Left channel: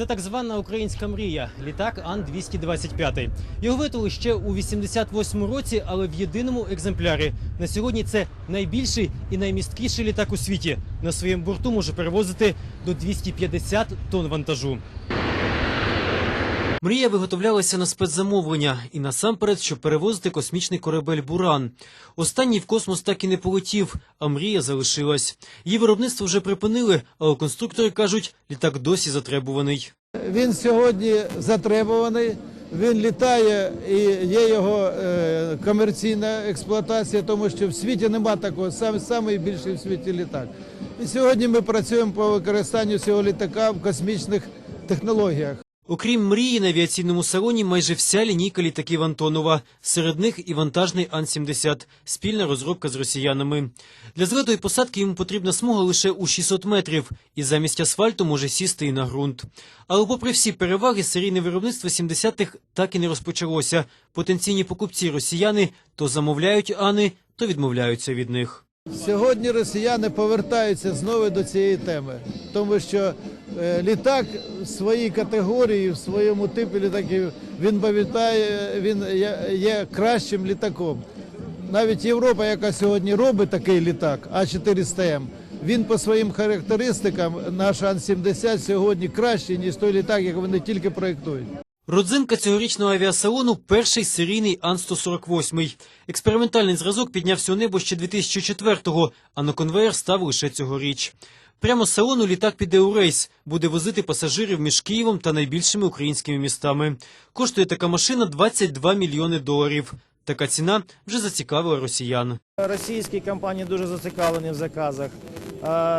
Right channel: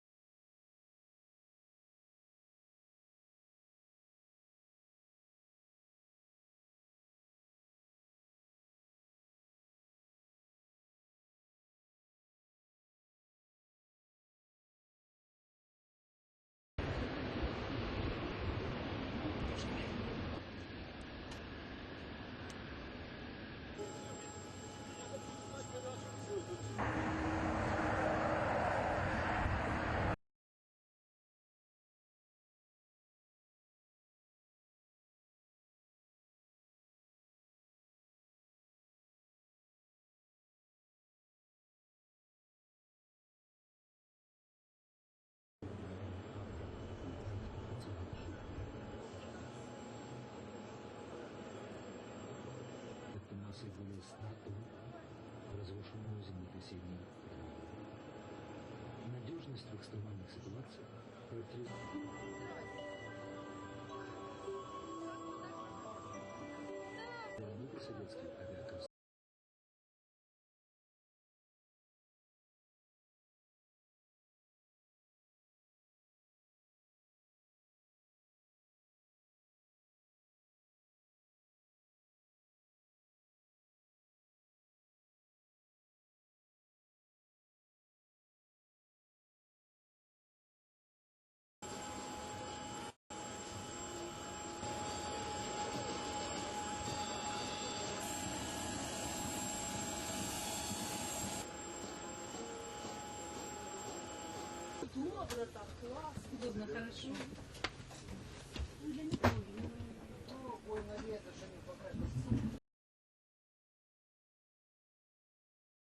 Це так звана українська мрія літак Ан-225. Його витали ще у 88-му році, але в єдиному екземплярі. На сьогодні це найбільший і наймісткіший літак у світі. На своєму борту може перевозити до 250 тонн вантажу. Мрія виготовлялася на спецзамовлення і насамперед, щоб перевозити космічний корабель Буран. Останній в космос так і не полетів, а мрія залишилась. Її виробництво вже припинили, але конструктори кажуть, літак досі затребуваний. Він сьогодні затребуваний. Він літає і є його е, комерційна експлуатація, тому що в світі нема такого сам самий більший в світі літак. І сьогодні ми працюємо по використанню цього літака в космічних технологіях. Окрім мрії, на авіаційному салоні майже вся лінійка літаків Антонова. Серед них і вантажний Ан-70 – спільна розробка з росіянами. Для злету і посадки йому потрібна смуга лише у 600 метрів, і замість асфальту може сісти і на ґрунт. Але попри всі переваги, серійне виробництво 70-х так і не розпочалося. Потенційні покупці росіяни то замовляють Ани, то відмовляються від них. Сьогодні росіяни повертаються знову до цієї теми, тому що е, літак в своїй категорії, в своєму типі літаків, він пам'ятає, він є, кращим літаком. Навіть Європа, яка сьогодні робить такий літак, А400М, він по своїм характеристикам, наш Ан-70 сьогодні кращий, ніж той літак, який вони тільки проєктують. Родзинка цьогорічного авіасалону – перший серійний Ан-148. Експериментальний зразок піднявся у небо ще 2004-го, а на конвеєр став лише цьогоріч. Прямо з салону літак піде у рейс, буде возити пасажирів між Києвом та найбільшими українськими містами. Коштує така машина 22 мільйони доларів. Така ціна вже зацікавила росіян. Російські компанії дуже зацікавлені в заказах.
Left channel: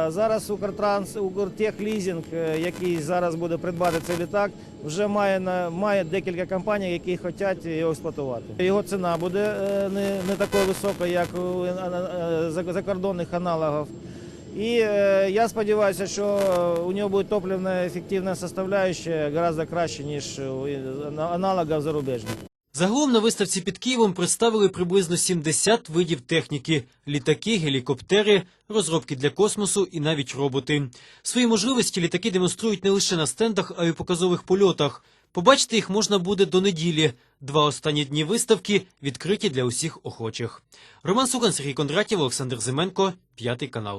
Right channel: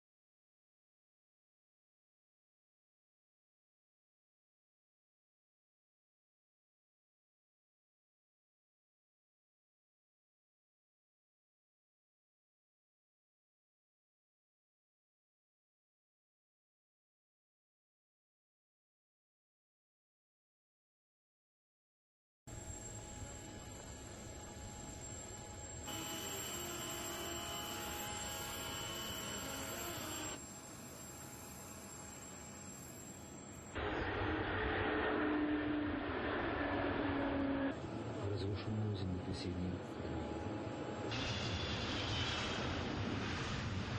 Зараз Укртранс, Укртехлізінг, е, який зараз буде придбати цей літак, вже має має декілька компаній, які хочуть його експлуатувати. Його ціна буде е, не, не такою високою, як у е, за- закордонних аналогів. І я сподіваюся, що у нього буде топливна ефективна составляющая гораздо краще, ніж у аналогів зарубіжних. Загалом на виставці під Києвом представили приблизно 70 видів техніки: літаки, гелікоптери, розробки для космосу і навіть роботи. Свої можливості літаки демонструють не лише на стендах, а й у показових польотах. Побачити їх можна буде до неділі. Два останні дні виставки відкриті для усіх охочих. Роман Суган, Сергій Кондратів, Олександр Зименко, п'ятий канал.